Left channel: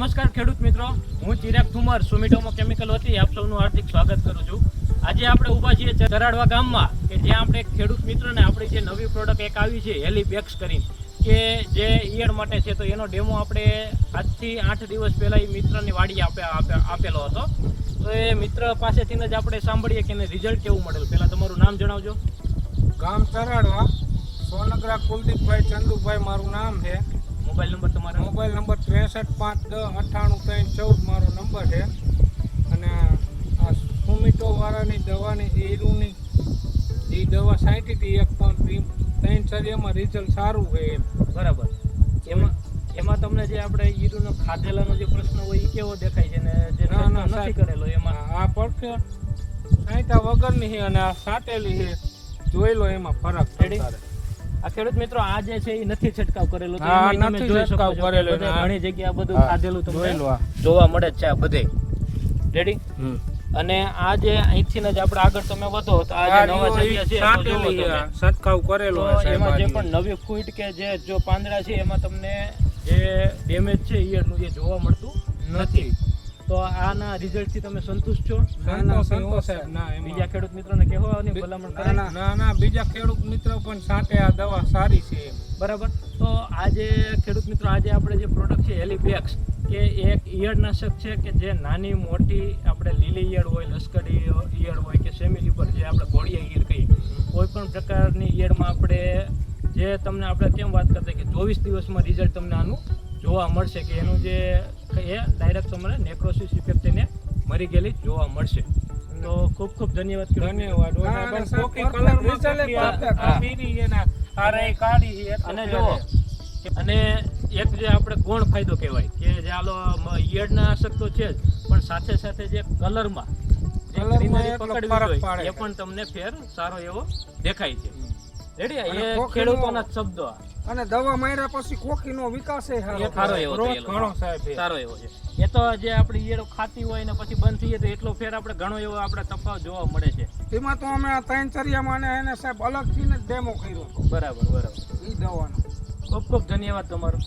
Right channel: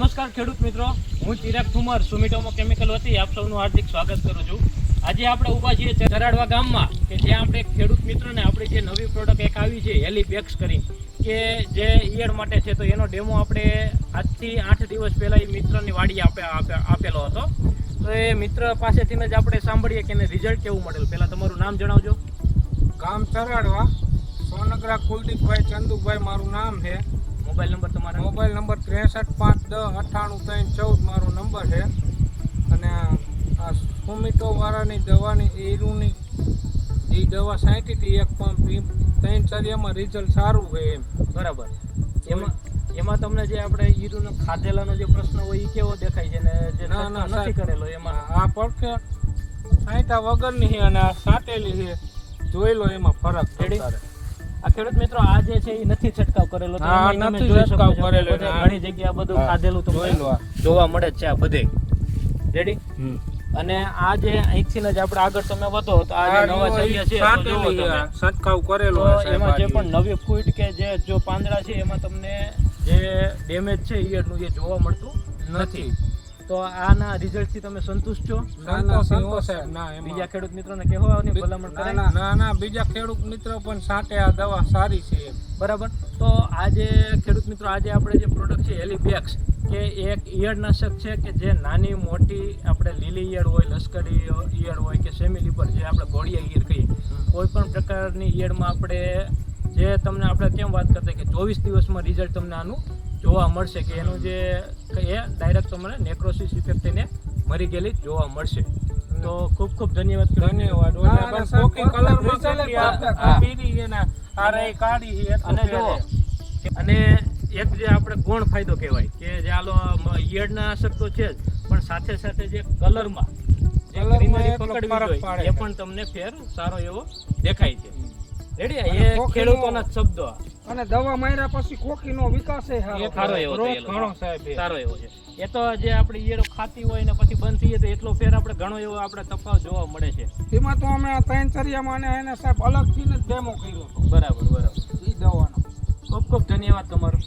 નમસ્કાર ખેડૂત મિત્રો, હું ચિરાગ ઠુમર સુમિટોમો કેમિકલ વતી આપ સૌનું હાર્દિક સ્વાગત કરું છું. આજે આપણે ઊભા છીએ ચરાડવા ગામમાં કે જ્યાં આપણે ખેડૂત મિત્રોને આપણી જે નવી પ્રોડક્ટ એક આવી છે હેલીબેક્સ કરીને કે જે ઈયળ માટે છે, તો એનો ડેમો આપણે આજથી 8 દિવસ પહેલાં એ મિત્રની વાડીએ આપેલો હતો. તો એ મિત્ર પાસેથી જ આપણે સાંભળીએ કે એને રિઝલ્ટ કેવું મળેલું. પહેલાં તમારું નામ જણાવજો. ગામ ચરાડવા, સોનગરા કુલદીપભાઈ ચંદુભાઈ મારું નામ છે. મોબાઈલ નંબર તમારો? મોબાઈલ નંબર 6351109814 મારો નંબર છે. અને આ સુમિટો વાળાની દવાની ઈરુની એ દવા છાંટી હતી એક પંપ, 3 ચરિયામાં રિઝલ્ટ સારું છે એમ. બરાબર. એમાં તમને જે આપણે ઈરુનો ખાધેલાનો જે પ્રશ્ન હોય એ કેવો દેખાય છે ને જે નથી કરેલો એમાં? આ પડખે છાંટા વગરની છે અને આ છાંટેલી છે, જોઈ લો એમાં ફરક. આ ખેડૂત મિત્રો આ જે છે એ નથી છંટકાવ કરેલો, તો એમાં તમે જોઈ શકો છો ઘણી જગ્યાએ બધું ખાધેલું તમને જોવા મળે છે આ બધે. રેડી? અને આ જે અહીંથી જ આપણે આગળ તમે વધો તો આ જે નવા જગ્યા છે છંટકાવ કરેલો, એમાં જે પણ નવી ફૂટ કે જે જો પાંદડા છે એમાં તમને જે ડેમેજ છે ઈયળનું એ જોવા મળતું નથી. તો આના રિઝલ્ટ થી તમે સંતુષ્ટ છો? બીજા ખેડૂત મિત્રોને કહેવાની ભલામણ કરે? ના, બીજા ખેડૂત મિત્રો પણ છાંટે આ દવા સારી છે એમ. બરાબર. તો આજે ખેડૂત મિત્રો આજે આપણે જે પ્રોડક્ટ છે હેલીબેક્સ કે એક ઈયળનાશક છે કે જે નાની મોટી આપણે લીલી ઈયળ હોય, લશ્કરી ઈયળ હોય કે સેમી લીબર જે આપણે ઘોડિયા ઈયળ કહીએ, કોઈ પણ પ્રકારની ઈયળમાં આપણે જે તમને આપણે કેમ વાત કરતા કે 24 દિવસમાં રિઝલ્ટ તમને આનું જોવા મળશે કે એનું જે એ ડાયરેક્ટ તમને નેક્રોસિસ ઇફેક્ટ એને મરી ગયેલી જોવા મળશે. તો ખૂબ ખૂબ ધન્યવાદ. અને એક જે આપણે ગૌણ ફાયદો કહેવાય કે જે આલો ઈયળનાશક તો છે જ, પણ સાથે સાથે જે કલરમાં જે ગ્રીનરી પકડવી જોઈએ એ પણ તમને ફેર સારો એવો દેખાય છે. રેડી? એ ખેડૂતોના શબ્દો. અને દવા માર્યા પછી કોકીનો વિકાસ સારો એવો છે. એ તો જે આપણી ઈયળો ખાતી હોય ને પછી બંધ થઈ જાય તો એટલો ફેર આપણે ઘણો એવો આપણે તફાવત જોવા મળે છે. એમાં તો અમે 3 ચરિયામાં એને સાહેબ અલગથી જ ડેમો કર્યો હતો. બરાબર. એ દવાનો ખૂબ ખૂબ ધન્યવાદ તમારો.